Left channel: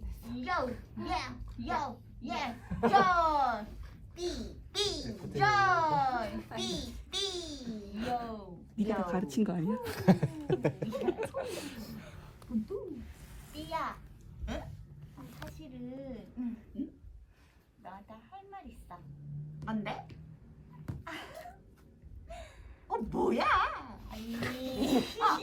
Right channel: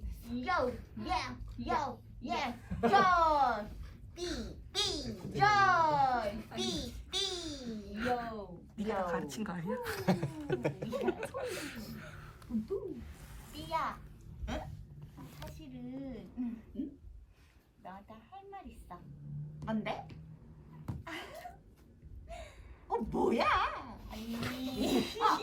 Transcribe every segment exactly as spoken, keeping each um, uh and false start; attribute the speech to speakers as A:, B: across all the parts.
A: Yo, yeah, yo, yeah, John. B, B, John. B, B, yo.
B: 네가 다 가르친 거 아니야?
A: 삐야. 응? 사실은 응? 응? 나한테 할 말 있어. 뭔데? 어 뭐야? 아니, 어,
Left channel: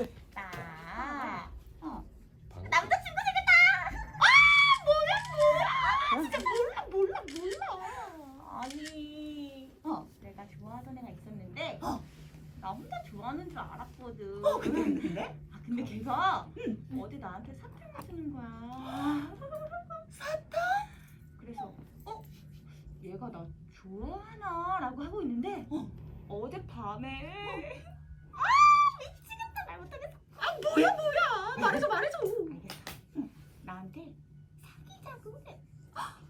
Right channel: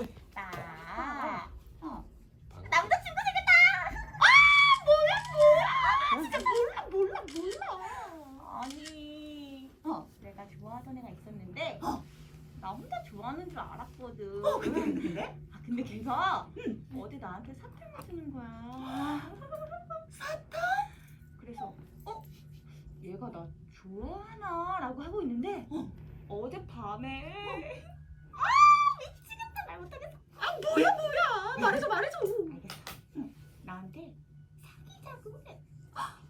A: 나 어, 남자친구 생겼다. 아 뭐야 뭐야? 진짜 몰라 몰라 몰라. 아니, 어, 내가 좋아하던 애가 있었는데 어. 나 혼자 좋아하는 줄 알았거든. 어 근데 근데 근데? 아 근데 걔가 응. 어제 나한테 사탕을 주는 거야. 사탕? 그래서 어? 얘가 나 좋아하나? 라고 하고 있는데 어. 어젯밤에 아 미치겠다. 말 못하겠어. 아 뭐야 뭐야. 말해줘 말해줘. 알겠어. 응. 나한테 사귀자고 해. 아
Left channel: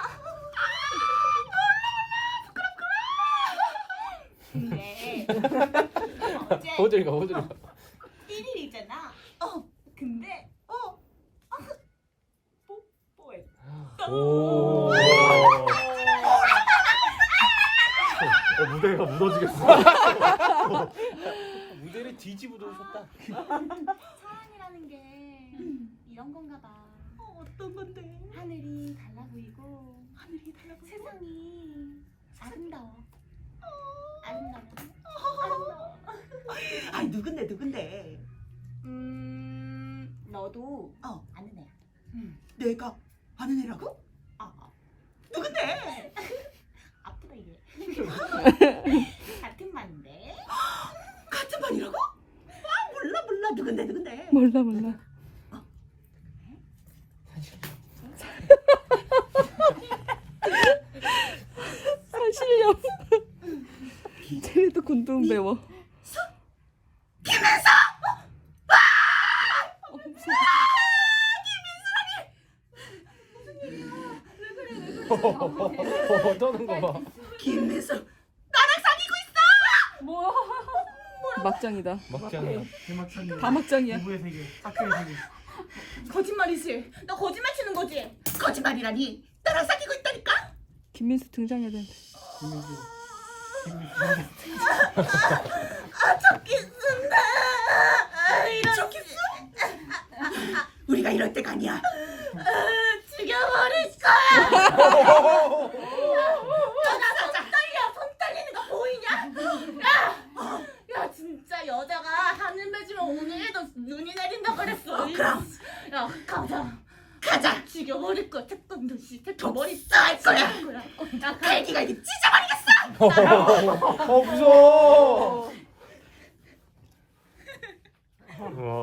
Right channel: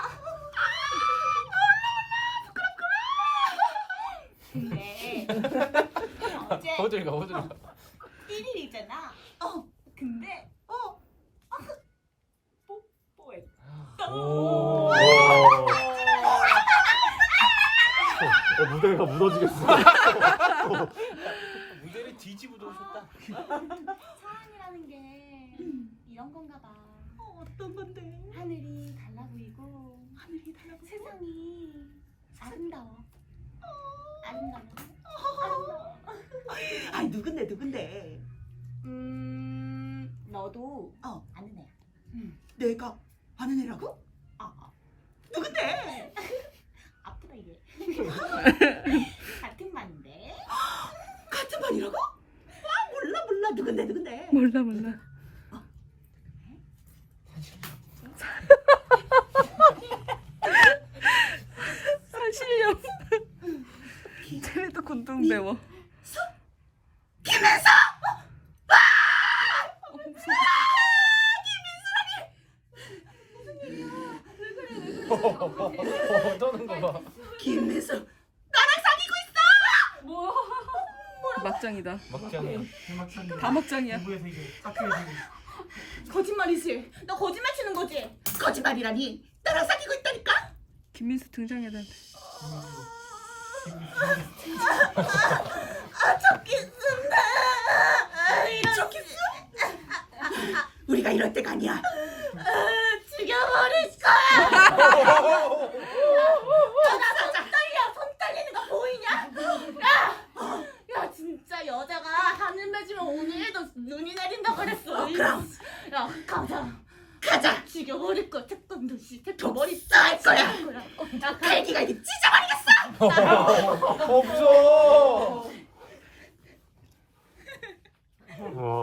A: 몰라 몰라. 부끄럽구나. 근데 어제
C: 호들가 호들가.
A: 일 일이잖아. 어. 근데 어. 뽀뽀했다.
C: 오. 어, 무대가 무너지겠어. 무대를 뒤집어 놓으셨다.
A: 사랑이라는 게 이런 건가 봐.
B: 어, 어떤 건데?
A: 하늘이 달라 보이고
B: 하늘이 달라고.
A: 세상이 아름다워. 아름다워. 아름다워.
B: 아니 누군데 누군데?
A: 음, 너도
B: 어.
A: 아는 애야.
B: 응. 내가 아는 애라고?
A: 아, 아.
B: 누군데?
A: 아프다 이게. 같은 반인데.
B: 같은 반이라고? 아 몰라 몰라 누군데 누군데?
D: 몰라 몰라. 사실력. 쟤네도 군중 배워.
B: 김혜서!
D: 어, 무서워.
C: 어, 떠는 거 봐.
B: 김혜서
D: 막장이다.
C: 막장.
D: 다 막장이야.
C: 부부의 세계. 착해의 세계.
A: 거짓말이지. 너 거짓말 치는 거지?
B: 거짓말이라니 나랑 사귀고 있다니까?
D: 김민수 등장해야 돼.
B: 아 좋겠습니다. 아, 이런 좋겠어? 우리가 이럴 때가 아니야.
A: 아, 죽여버릴 거야. 나손 떨려. 손 떨리는 거 보이냐? 야, 야 진짜 여자가 하늘 맺으면 오늘도 눈이 내린다 그랬어.
B: 어, 그럼.
A: 야 가자.
B: 가자.
A: 죽여버릴 거야. 태권도 씨. 태권
B: 독
A: 머리
B: 쌀 거야.
A: 쌀 거야. 어, 나 가.
B: 갈기가 이게 찢어버리겠어.
C: 어 무서워. 와.